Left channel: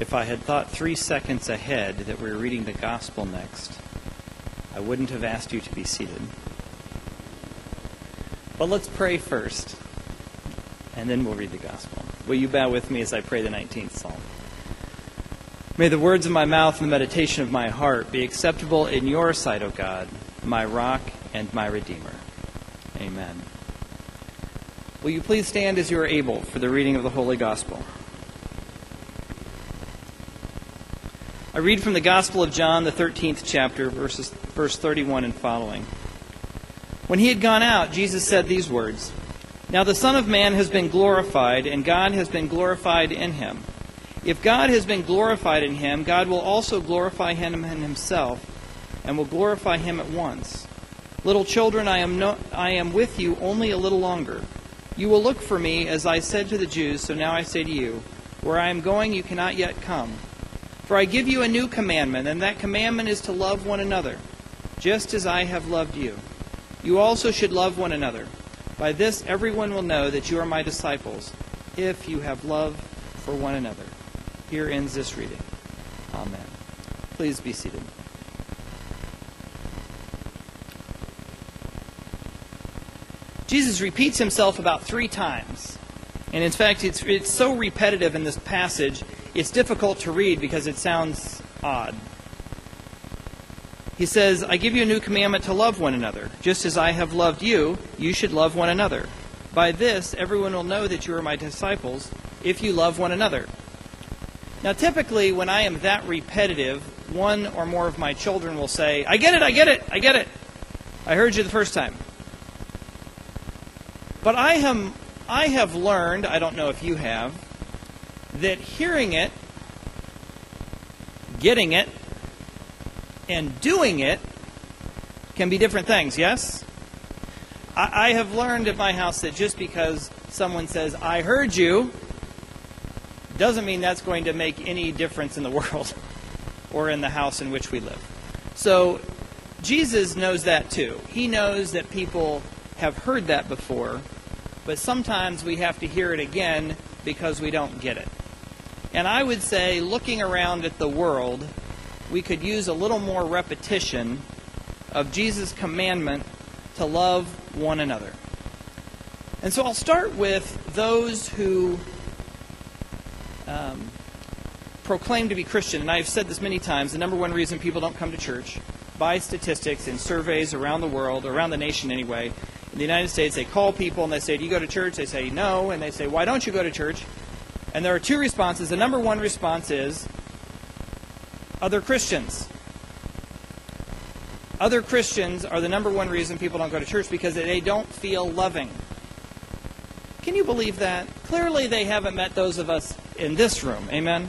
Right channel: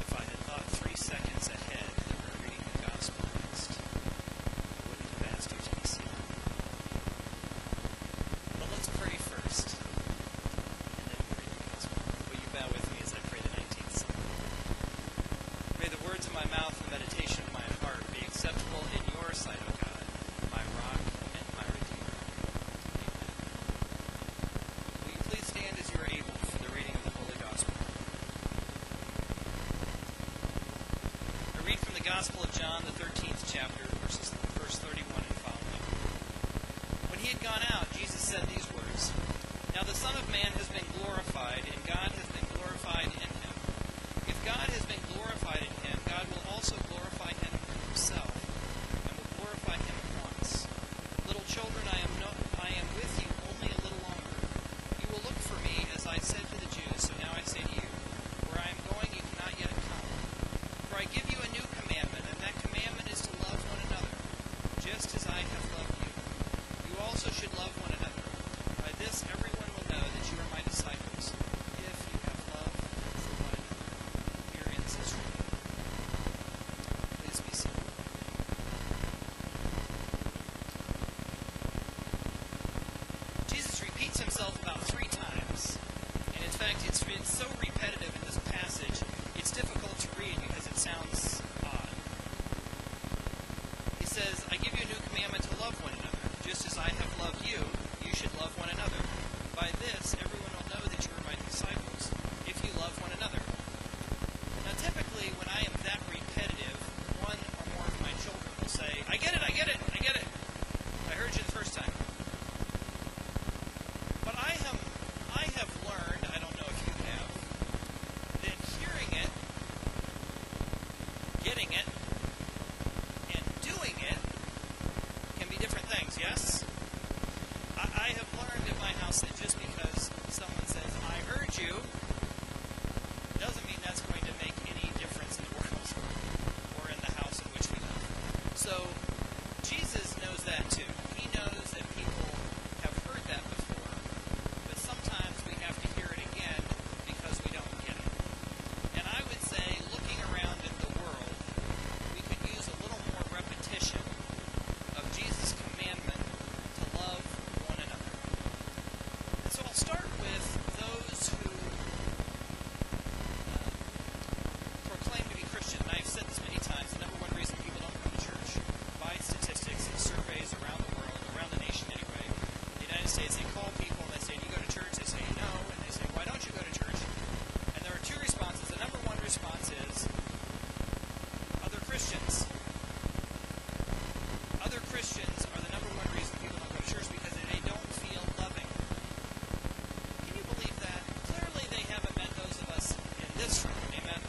If I had thought 3 seconds ahead that we were reading the gospel next, I wouldn't have asked you to be seated. But let's pray first, and then we'll read the gospel. Will you bow with me as I pray the 19th Psalm? May the words of my mouth and the meditation of my heart be acceptable in your sight, O God, my rock and my redeemer. Amen. Will you please stand as you are able for the reading of the Holy Gospel? I read from the Gospel of John, the 13th chapter, verse 31 and following. When he had gone out, Jesus said these words, "Now the Son of Man has been glorified, and God has been glorified in him. If God has been glorified in him, God will also glorify him in himself, and will glorify him at once. Little children, I am with you only a little longer. You will look for me, as I said to the Jews, so now I say to you, where I am going you cannot yet come. For I give you a new commandment, and that commandment is to love one another, just as I have loved you. You also should love one another. By this everyone will know that you are my disciples, if you have love for one another." Here ends this reading. Amen. Please be seated. Jesus repeats himself about 3 times. And in fact, it's so repetitive in this passage, it's difficult to read because it sounds odd. He says, "I give you a new commandment to love one another. Just as I have loved you, you should love one another. By this, everyone will know that you are my disciples, if you love one another." Now, typically, when I am that repetitive, one or more of my children will say, "I get it, I get it, I get it. I heard you the first time." But I have learned, I don't know if you have, that hearing it, getting it, and doing it can be different things, yes? I have learned at my house that just because someone says, "I heard you," doesn't mean that's going to make any difference in the world or in the house in which we live. So Jesus knows that too. He knows that people have heard that before, but sometimes we have to hear it again because we don't get it. And I would say, looking around at the world, we could use a little more repetition of Jesus' commandment to love one another. And so I'll start with those who proclaim to be Christian. And I've said this many times, the number one reason people don't come to church, by statistics and surveys around the world, around the nation anyway, in the United States, they call people and they say, "Do you go to church?" They say, "No." And they say, "Why don't you go to church?" And there are 2 responses. The number one response is, other Christians. Other Christians are the number one reason people don't go to church, because they don't feel loving. Can you believe that? Clearly they haven't met those of us in this room. Amen?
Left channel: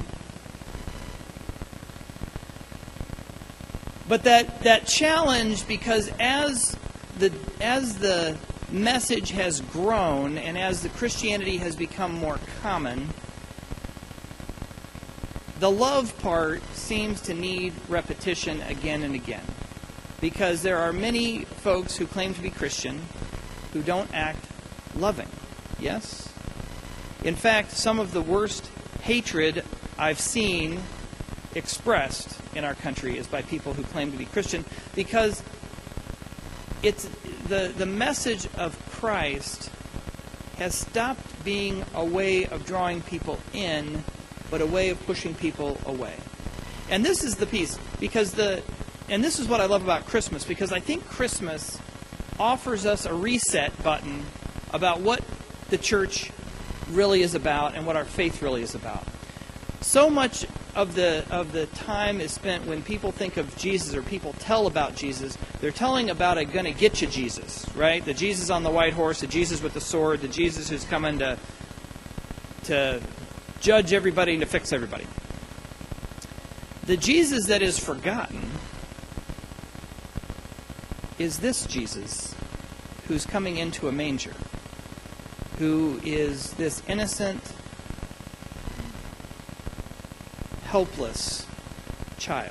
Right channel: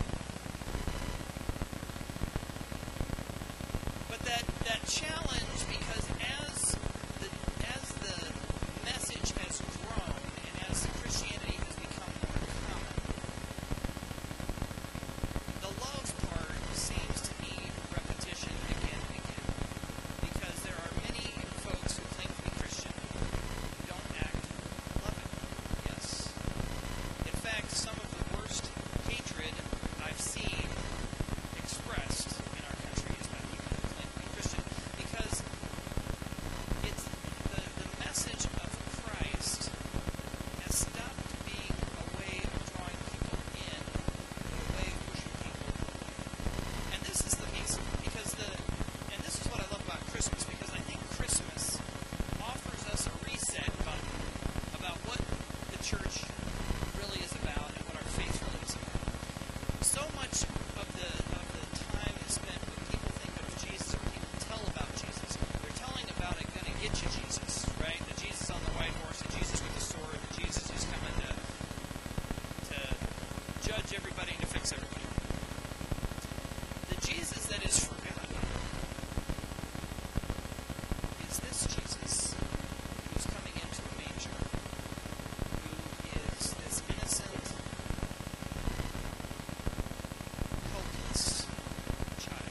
But that challenge, because as the message has grown and as the Christianity has become more common, the love part seems to need repetition again and again. Because there are many folks who claim to be Christian who don't act loving. Yes? In fact, some of the worst hatred I've seen expressed in our country is by people who claim to be Christian, because it's the message of Christ has stopped being a way of drawing people in, but a way of pushing people away. And this is the piece, and this is what I love about Christmas, because I think Christmas offers us a reset button about what the church really is about and what our faith really is about. So much of the time is spent when people think of Jesus, or people tell about Jesus, they're telling about a gonna get you Jesus, right? The Jesus on the white horse, the Jesus with the sword, the Jesus who's coming to judge everybody and to fix everybody. The Jesus that is forgotten is this Jesus who's coming into a manger, who is this innocent, helpless child.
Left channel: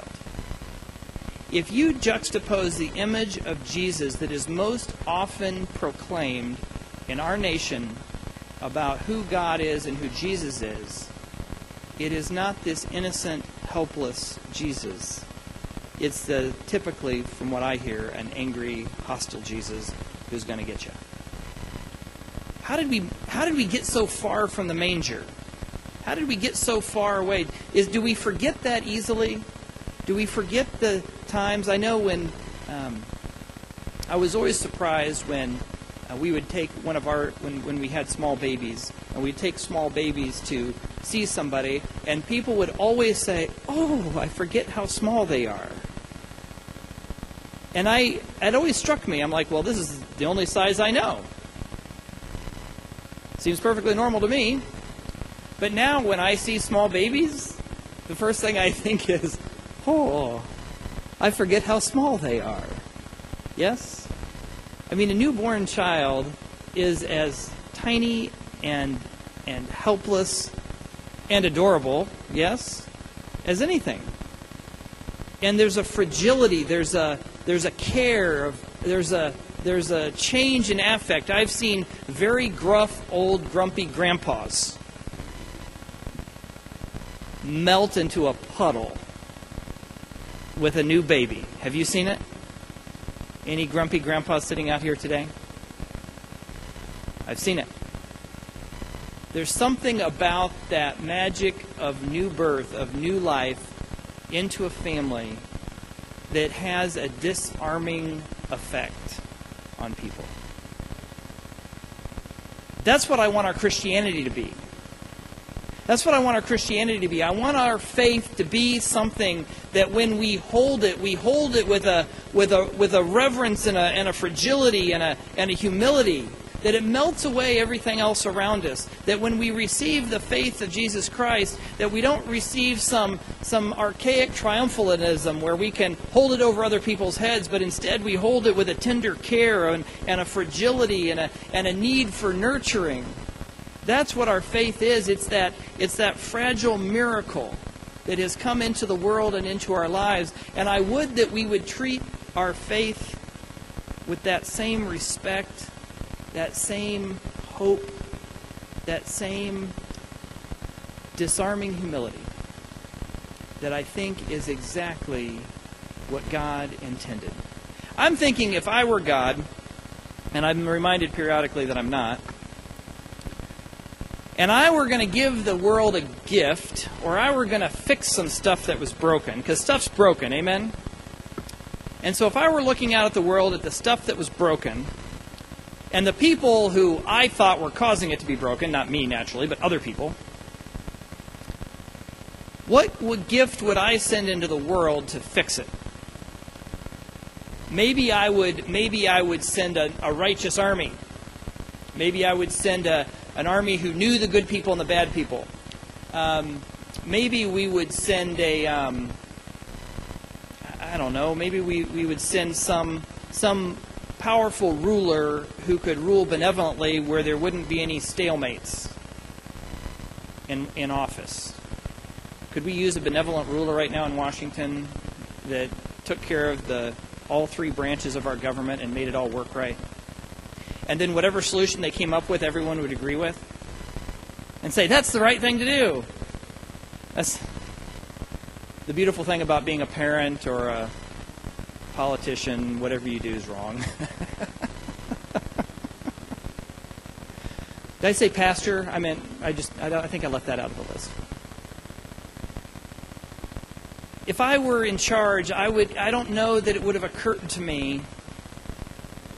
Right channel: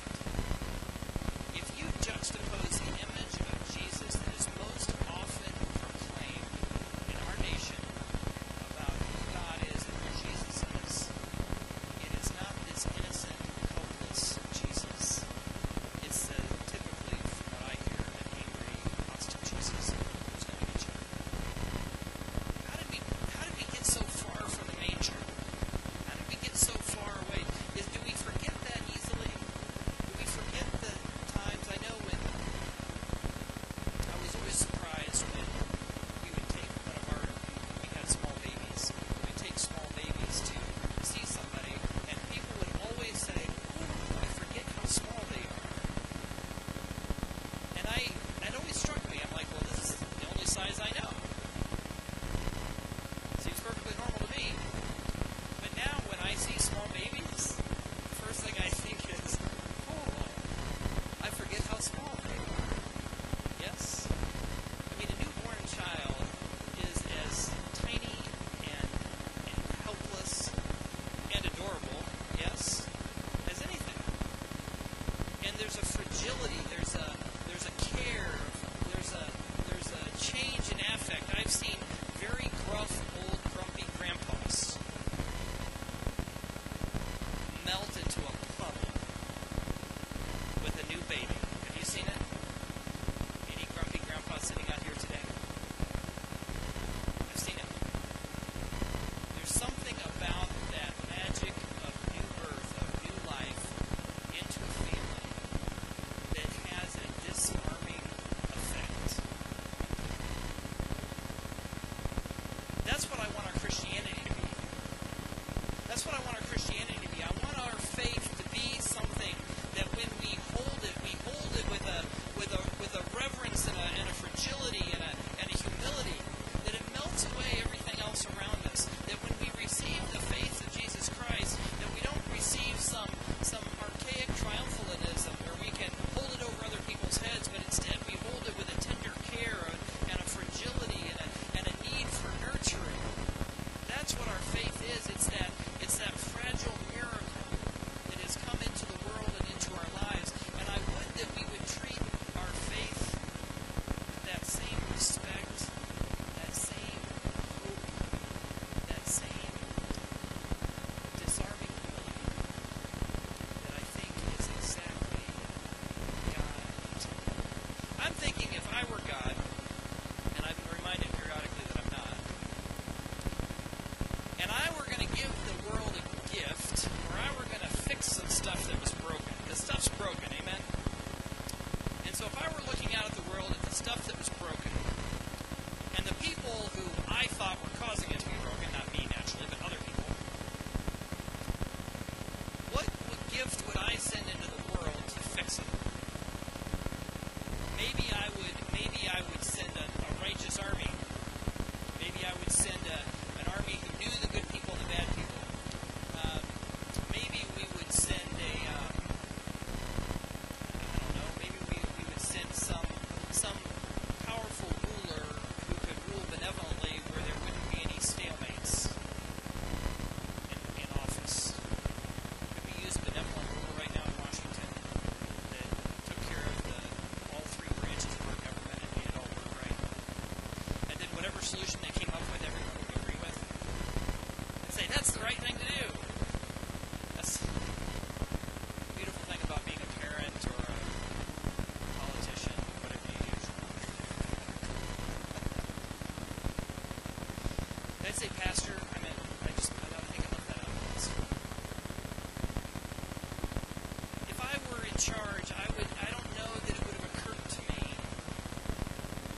If you juxtapose the image of Jesus that is most often proclaimed in our nation about who God is and who Jesus is, it is not this innocent, helpless Jesus. It's typically, from what I hear, an angry, hostile Jesus who's going to get you. How did we get so far from the manger? How did we get so far away? Do we forget that easily? Do we forget the times? I know when I was always surprised when we would take when we had small babies, and we'd take small babies to see somebody, and people would always say, "Oh, I forget how small they are." And it always struck me. I'm like, well, this is the only size I know. Seems perfectly normal to me. But now when I see small babies, the first thing I think is, oh, I forget how small they are. Yes? I mean, a newborn child is as tiny and helpless and adorable, yes, as anything. And there's a fragility, there's a care, there's a change in affect. I've seen very gruff, old, grumpy grandpas melt into a puddle with a new baby. Have you seen it? Any grumpy grandpas sitting out here today? I've seen it. There's something about that magic of new birth, of new life into a family that has a disarming effect on people. That's what I want our Christianity to be. That's what I want our Christianity to be. I want our faith to be something that when we hold it with a reverence and a fragility and a humility, that it melts away everything else around us. That when we receive the faith of Jesus Christ, that we don't receive some archaic triumphalism where we can hold it over other people's heads, but instead we hold it with a tender care and a fragility and a need for nurturing. That's what our faith is. It's that fragile miracle that has come into the world and into our lives. And I would that we would treat our faith with that same respect, that same hope, that same disarming humility that I think is exactly what God intended. I'm thinking if I were God, and I'm reminded periodically that I'm not, and I were going to give the world a gift, or I were going to fix some stuff that was broken, because stuff's broken, amen? And so if I were looking out at the world at the stuff that was broken, and the people who I thought were causing it to be broken, not me naturally, but other people, what gift would I send into the world to fix it? Maybe I would send a righteous army. Maybe I would send an army who knew the good people and the bad people. Maybe we would send maybe we would send some powerful ruler who could rule benevolently where there wouldn't be any stalemates in office. Could we use a benevolent ruler right now in Washington that took care of all three branches of our government and made it all work right? And then whatever solution they came up with, everyone would agree with? And say, that's the right thing to do. That's the beautiful thing about being a parent or a politician. Whatever you do is wrong. Did I say pastor? I think I left that out of the list. If I were in charge, I don't know that it would have occurred to me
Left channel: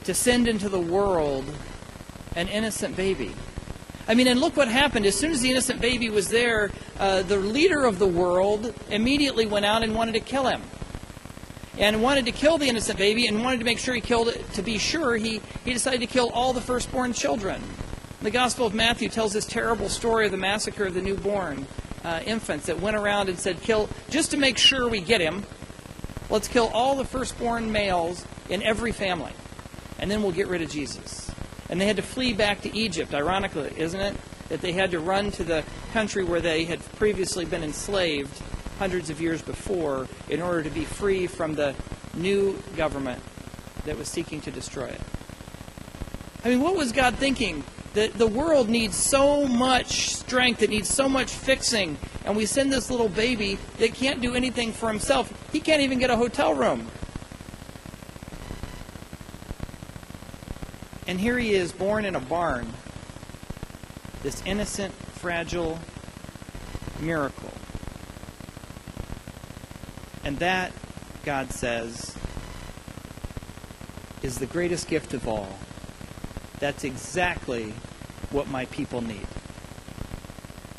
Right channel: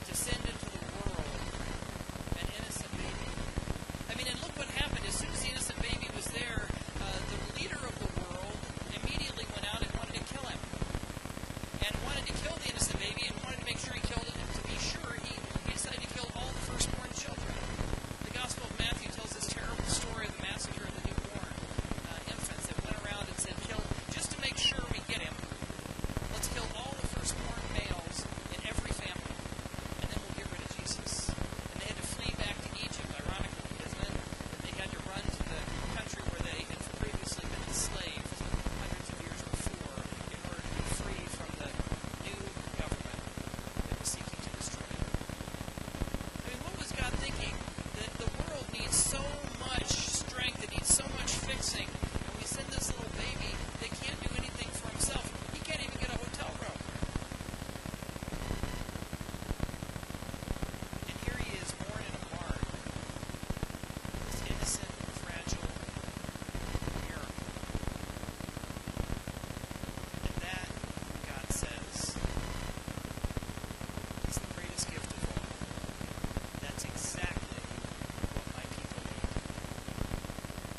to send into the world an innocent baby. I mean, and look what happened. As soon as the innocent baby was there, the leader of the world immediately went out and wanted to kill him. And wanted to kill the innocent baby and wanted to make sure he killed it. To be sure, he decided to kill all the firstborn children. The Gospel of Matthew tells this terrible story of the massacre of the newborn infants that went around and said, just to make sure we get him, let's kill all the firstborn males in every family. And then we'll get rid of Jesus. And they had to flee back to Egypt, ironically, isn't it? That they had to run to the country where they had previously been enslaved hundreds of years before in order to be free from the new government that was seeking to destroy it. I mean, what was God thinking? That the world needs so much strength, it needs so much fixing, and we send this little baby that can't do anything for himself. He can't even get a hotel room. And here he is, born in a barn, this innocent, fragile miracle. And that, God says, is the greatest gift of all. That's exactly what my people need.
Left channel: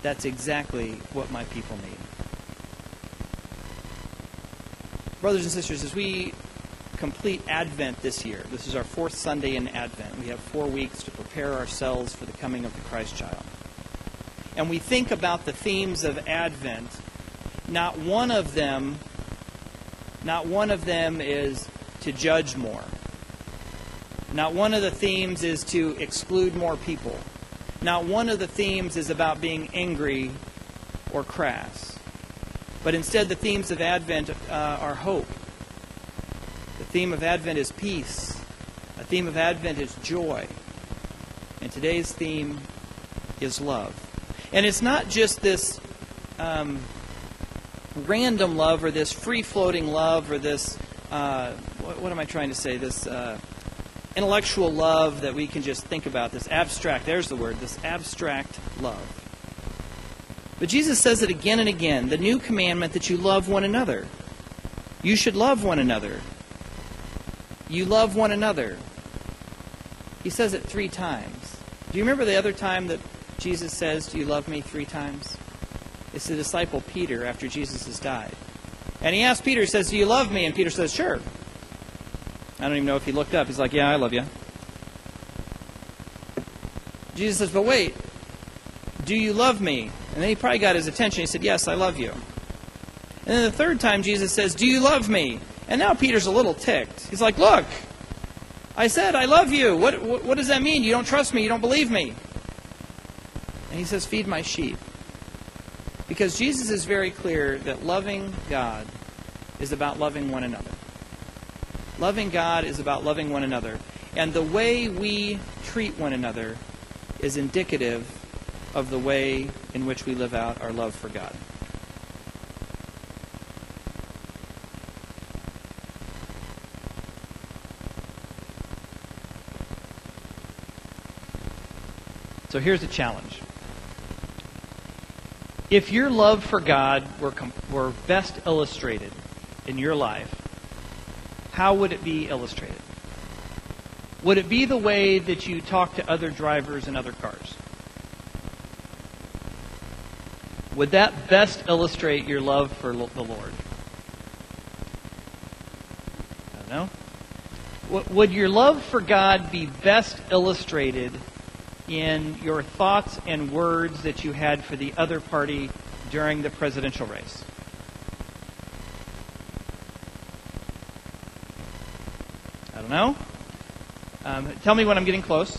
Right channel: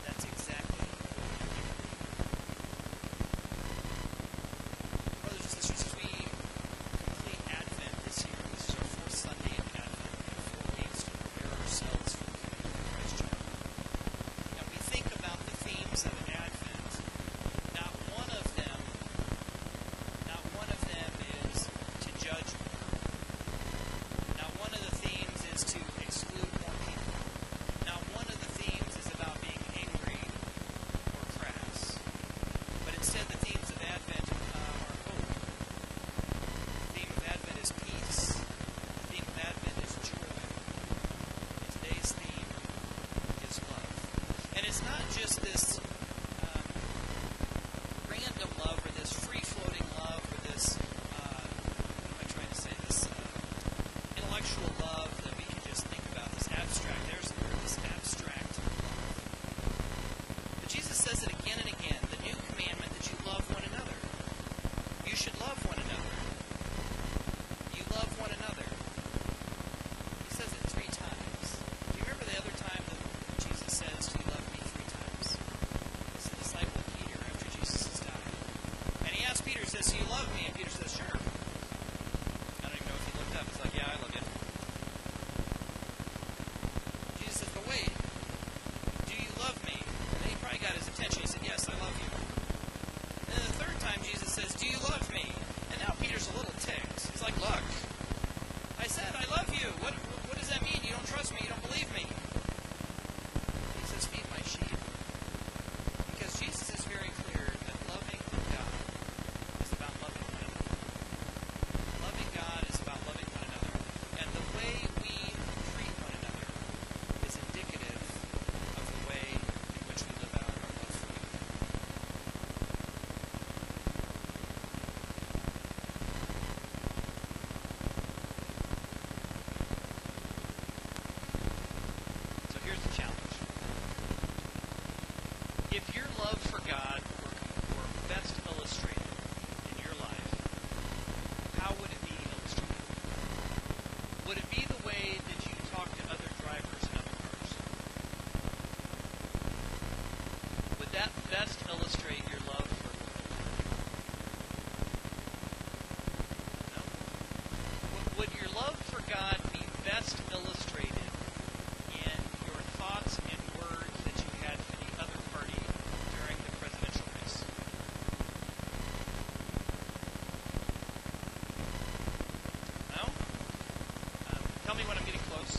That's exactly what my people need. Brothers and sisters, as we complete Advent this year, this is our 4th Sunday in Advent. We have 4 weeks to prepare ourselves for the coming of the Christ child. And we think about the themes of Advent. Not one of them is to judge more. Not one of the themes is to exclude more people. Not one of the themes is about being angry or crass. But instead, the themes of Advent are hope. The theme of Advent is peace. The theme of Advent is joy. And today's theme is love. And it's not just this random love or this free-floating love or this, what am I trying to say, this intellectual love that we can just think about, this abstract, there's the word, this abstract love. But Jesus says it again and again, the new commandment that you love one another. You should love one another. You love one another. He says it 3 times. Do you remember the other time that Jesus says, do you love me 3 times? It's the disciple Peter after Jesus has died. And he asks Peter, he says, do you love me? And Peter says, sure. I don't even know if he looked up. He's like, yeah, I love you. Jesus says, but wait, do you love me? And then he probably got his attention. He said, yes, I love you. And then the 3rd time Jesus says, do you love me? And now Peter's a little ticked. He's like, look, I said I love you. What does that mean? You don't trust me. You don't believe me. And he says, feed my sheep. Because Jesus is very clear that loving God is about loving one another. Loving God is about loving one another. And the way we treat one another is indicative of the way in which we live out our love for God. So here's the challenge. If your love for God were best illustrated in your life, how would it be illustrated? Would it be the way that you talk to other drivers in other cars? Would that best illustrate your love for the Lord? I don't know. Would your love for God be best illustrated in your thoughts and words that you had for the other party during the presidential race? I don't know. Tell me when I'm getting close.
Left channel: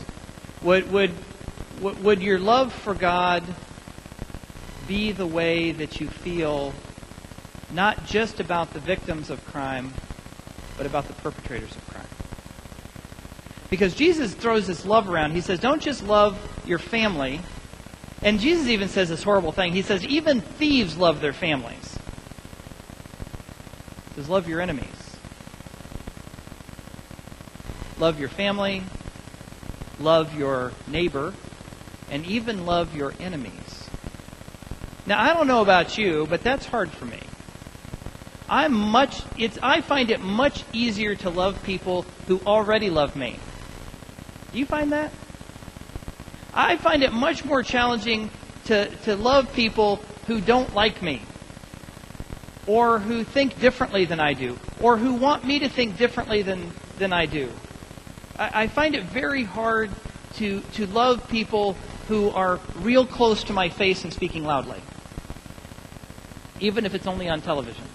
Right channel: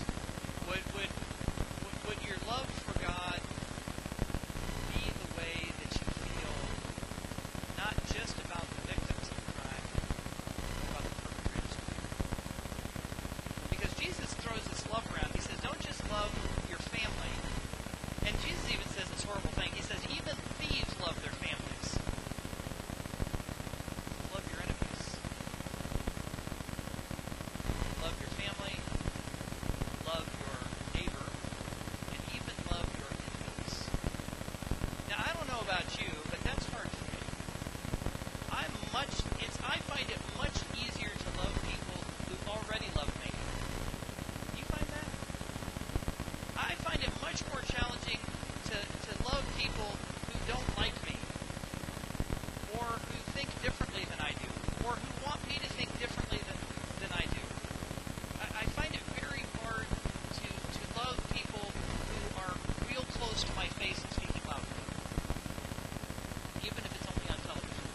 Would your love for God be the way that you feel not just about the victims of crime, but about the perpetrators of crime? Because Jesus throws this love around. He says, don't just love your family. And Jesus even says this horrible thing. He says, even thieves love their families. He says, love your enemies. Love your family, love your neighbor, and even love your enemies. Now, I don't know about you, but that's hard for me. I find it much easier to love people who already love me. Do you find that? I find it much more challenging to love people who don't like me, or who think differently than I do, or who want me to think differently than I do. I find it very hard to love people who are real close to my face and speaking loudly, even if it's only on television.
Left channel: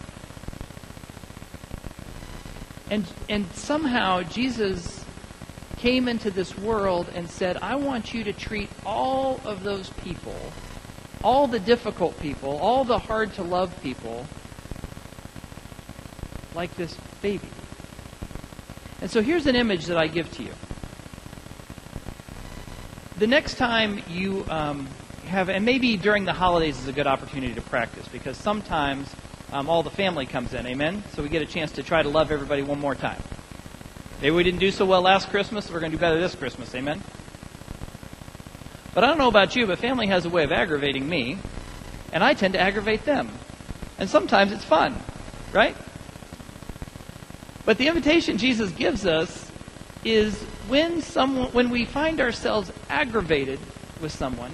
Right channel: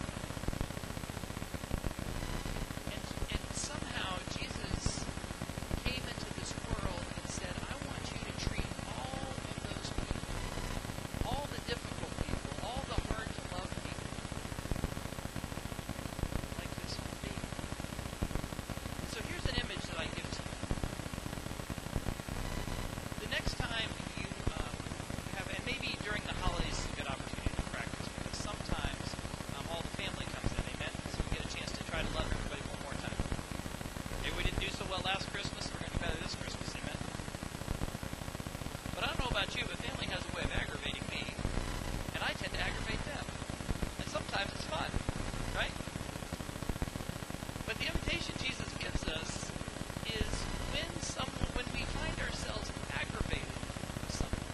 And somehow Jesus came into this world and said, I want you to treat all of those people, all the difficult people, all the hard to love people, like this baby. And so here's an image that I give to you. The next time you and maybe during the holidays is a good opportunity to practice, because sometimes all the family comes in, amen? So we get a chance to try to love everybody one more time. Maybe we didn't do so well last Christmas, so we're going to do better this Christmas, amen? But I don't know about you, but family has a way of aggravating me, and I tend to aggravate them. And sometimes it's fun, right? But the invitation Jesus gives us is when we find ourselves aggravated with someone,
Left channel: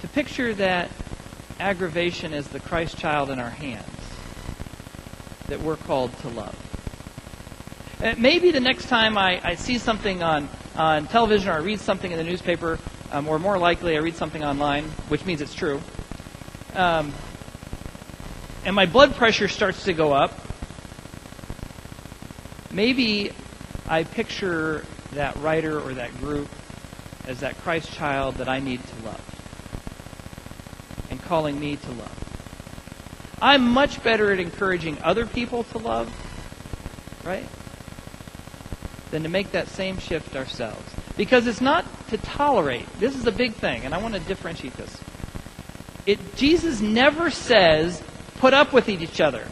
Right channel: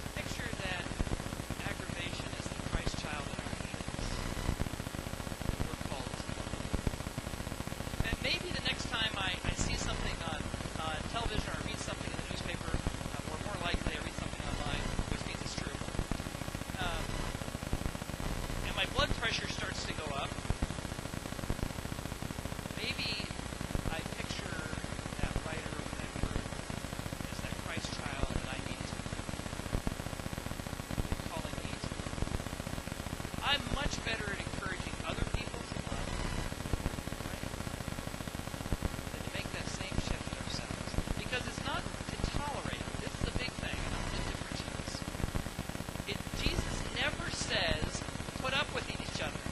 to picture that aggravation as the Christ child in our hands that we're called to love. And maybe the next time I see something on television, or I read something in the newspaper, or more likely I read something online, which means it's true, and my blood pressure starts to go up, maybe I picture that writer or that group as that Christ child that I need to love, and calling me to love. I'm much better at encouraging other people to love, right, than to make that same shift ourselves. Because it's not to tolerate. This is the big thing, and I want to differentiate this. Jesus never says, put up with each other.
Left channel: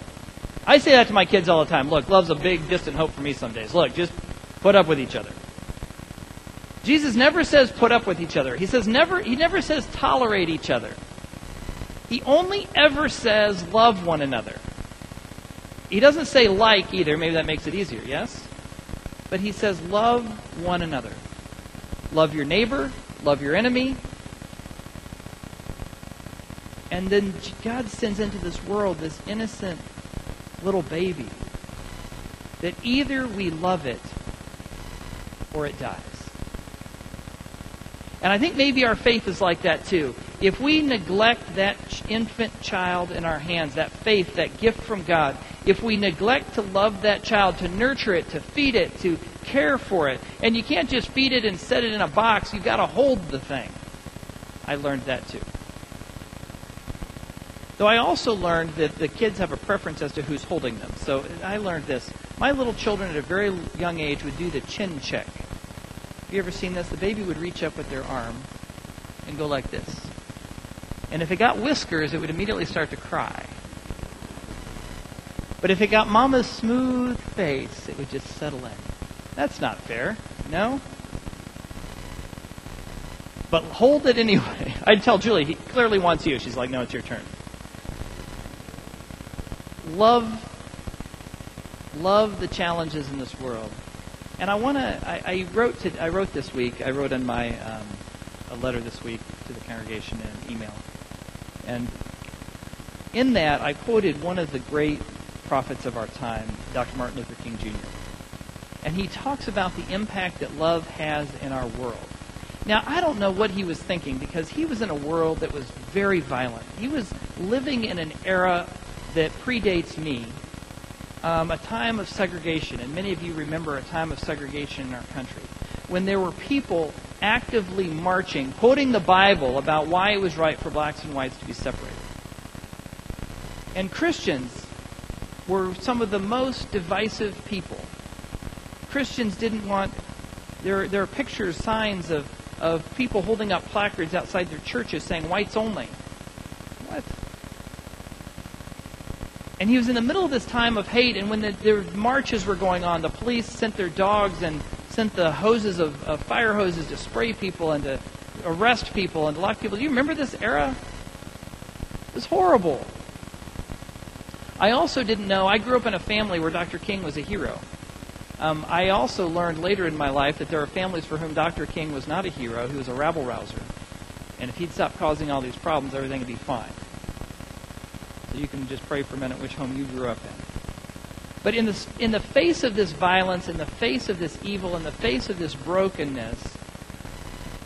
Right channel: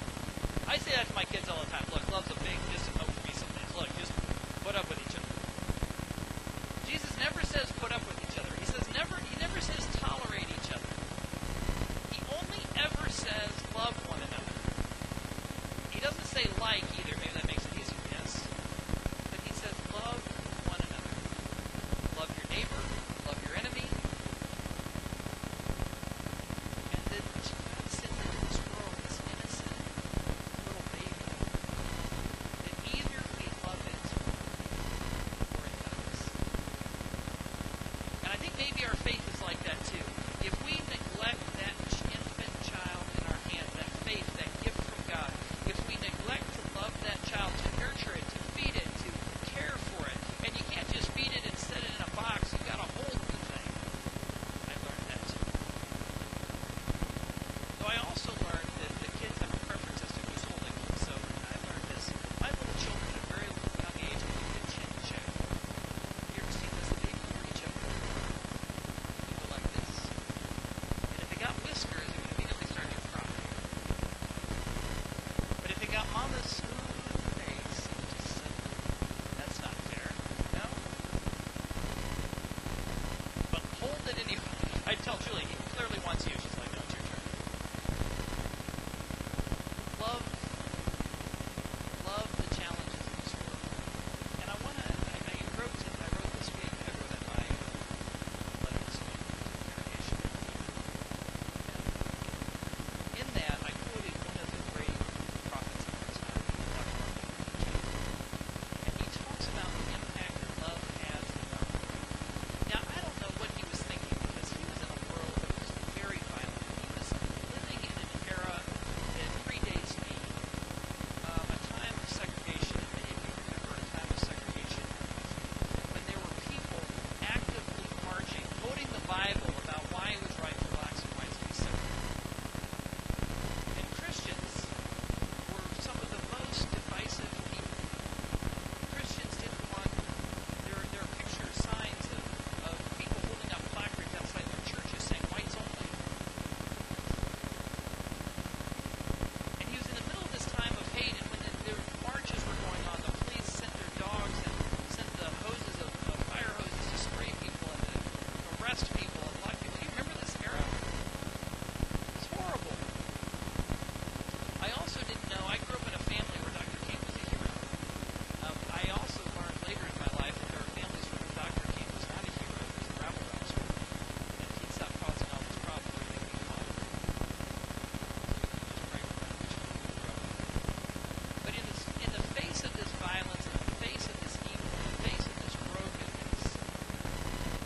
I say that to my kids all the time. Look, love's a big, distant hope for me some days. Look, just put up with each other. Jesus never says put up with each other. He never says tolerate each other. He only ever says love one another. He doesn't say like either. Maybe that makes it easier, yes? But he says love one another. Love your neighbor, love your enemy. And then God sends into this world this innocent little baby that either we love it or it dies. And I think maybe our faith is like that too. If we neglect that infant child in our hands, that faith, that gift from God, if we neglect to love that child, to nurture it, to feed it, to care for it, and you can't just feed it and set it in a box, you've got to hold the thing. I learned that too. Though I also learned that the kids have a preference as to who's holding them. So I learned this. My little children at a very young age would do the chin check. Have you ever seen this? The baby would reach up with their arm and go like this. And if it got whiskers, it would immediately start to cry. But if it got Mama's smooth face, it would just settle in. That's not fair, no? But hold it anyway. I'd tell Julie, he clearly wants you. She's like, no, it's your turn. Love the challenges in this world. And I wrote this week, I wrote in my a letter this week to the congregation in an email. And in that, I quoted one of the great prophets of our time, Dr. Martin Luther King Jr. And he talks about the impact that love has in our world. Now, I don't know what he was thinking, because he was in a world that was very violent. He was living in an era that predates me, a time of segregation, and many of you remember a time of segregation in our country, when there were people actively marching, quoting the Bible about why it was right for blacks and whites to be separated. And Christians were some of the most divisive people. Christians didn't want, there are pictures, signs of people holding up placards outside their churches saying whites only. What? And he was in the middle of this time of hate, and when the marches were going on, the police sent their dogs and sent the hoses of fire hoses to spray people and to arrest people and lock people. Do you remember this era? It was horrible. I also didn't know, I grew up in a family where Dr. King was a hero. I also learned later in my life that there are families for whom Dr. King was not a hero, he was a rabble-rouser. And if he'd stop causing all these problems, everything would be fine. So you can just pray for a minute which home you grew up in. But in the face of this violence, in the face of this evil, in the face of this brokenness,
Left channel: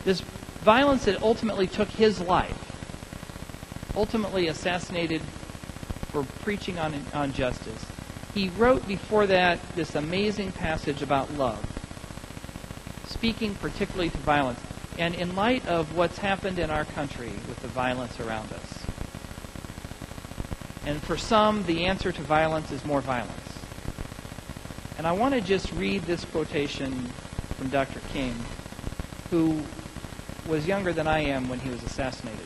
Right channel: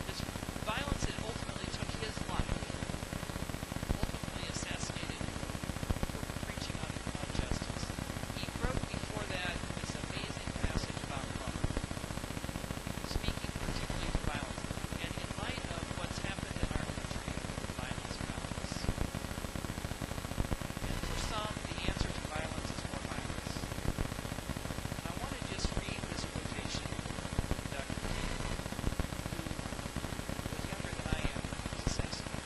this violence that ultimately took his life, ultimately assassinated for preaching on justice, he wrote before that this amazing passage about love, speaking particularly to violence. And in light of what's happened in our country with the violence around us, and for some, the answer to violence is more violence. And I want to just read this quotation from Dr. King, who was younger than I am when he was assassinated.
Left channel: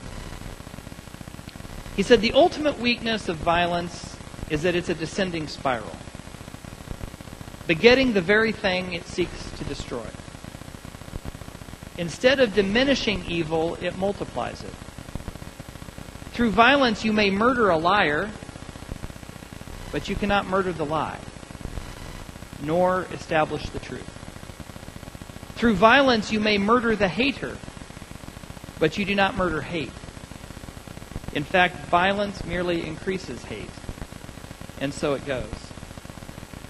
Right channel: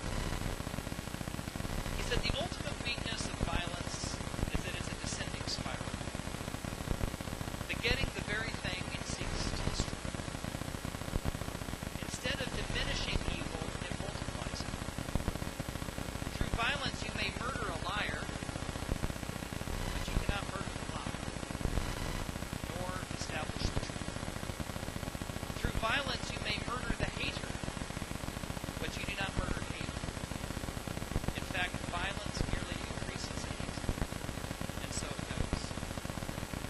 He said, the ultimate weakness of violence is that it's a descending spiral, begetting the very thing it seeks to destroy. Instead of diminishing evil, it multiplies it. Through violence, you may murder a liar, but you cannot murder the lie, nor establish the truth. Through violence, you may murder the hater, but you do not murder hate. In fact, violence merely increases hate, and so it goes.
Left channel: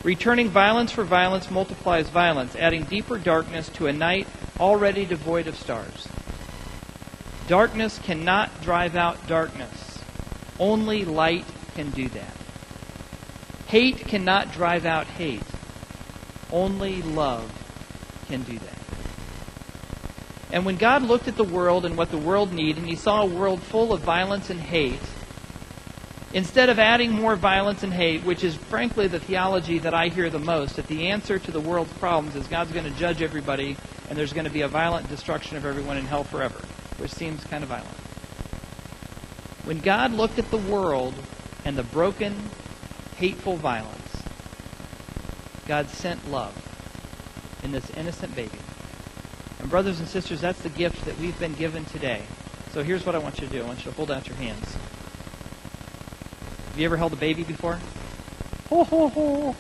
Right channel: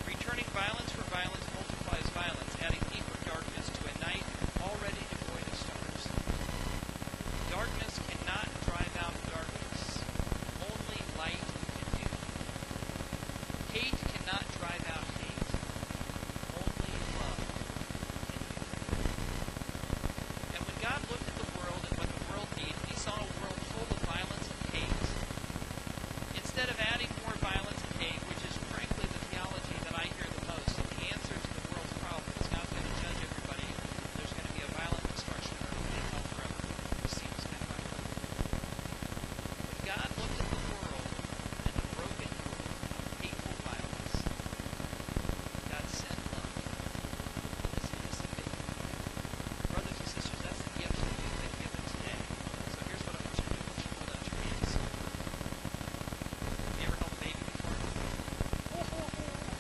Returning violence for violence multiplies violence, adding deeper darkness to a night already devoid of stars. Darkness cannot drive out darkness. Only light can do that. Hate cannot drive out hate. Only love can do that. And when God looked at the world and what the world needed, and he saw a world full of violence and hate, instead of adding more violence and hate, which is frankly the theology that I hear the most, that the answer to the world's problems is God's going to judge everybody and there's going to be a violent destruction of everyone in hell forever, which seems kind of violent. When God looked at the world and the broken, hateful violence, God sent love in this innocent baby. And brothers and sisters, that's the gift that we've been given today. So here's what I want you to do. I want you to hold out your hands. Have you ever held a baby before? Ho, ho, ho.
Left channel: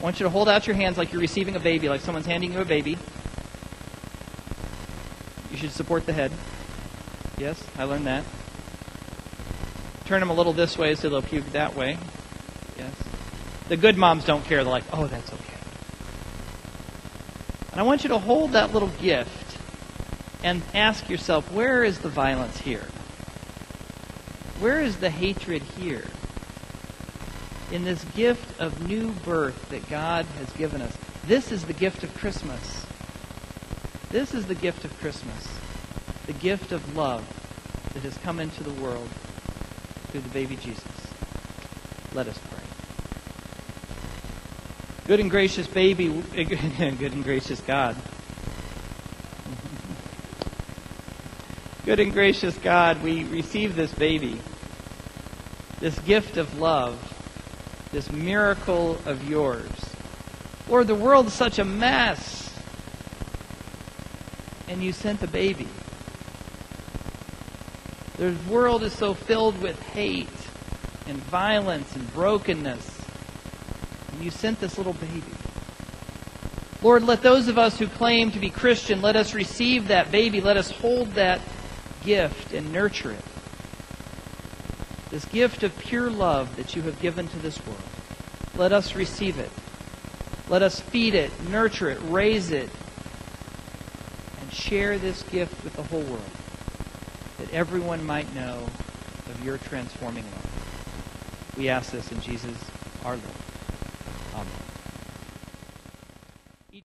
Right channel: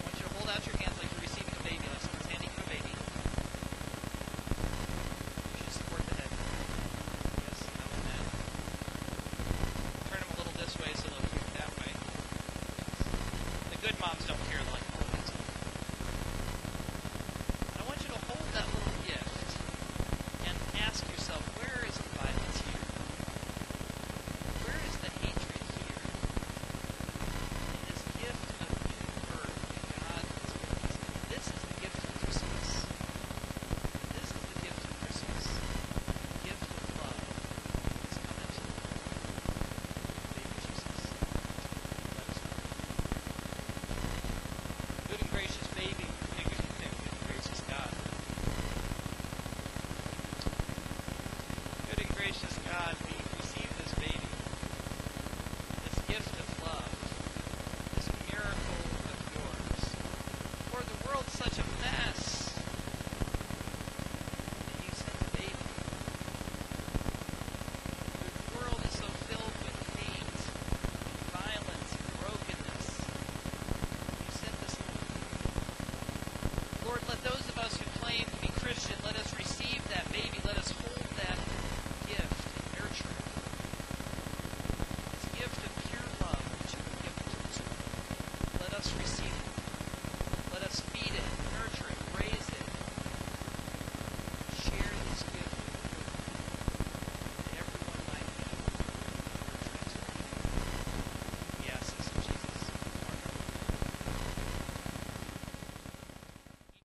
I want you to hold out your hands like you're receiving a baby, like someone's handing you a baby. You should support the head. Yes, I learned that. Turn them a little this way so they'll puke that way. Yes. The good moms don't care. They're like, oh, that's okay. And I want you to hold that little gift and ask yourself, where is the violence here? Where is the hatred here? In this gift of new birth that God has given us. This is the gift of Christmas. This is the gift of Christmas. The gift of love that has come into the world through the baby Jesus. Let us pray. Good and gracious baby, good and gracious God. Good and gracious God, we receive this baby, this gift of love, this miracle of yours. Lord, the world's such a mess, and you sent a baby. The world is so filled with hate and violence and brokenness, and you sent this little baby. Lord, let those of us who claim to be Christian, let us receive that baby. Let us hold that gift and nurture it. This gift of pure love that you have given to this world. Let us receive it. Let us feed it, nurture it, raise it, and share this gift with the whole world, that everyone might know of your transforming love. We ask this in Jesus, our Lord.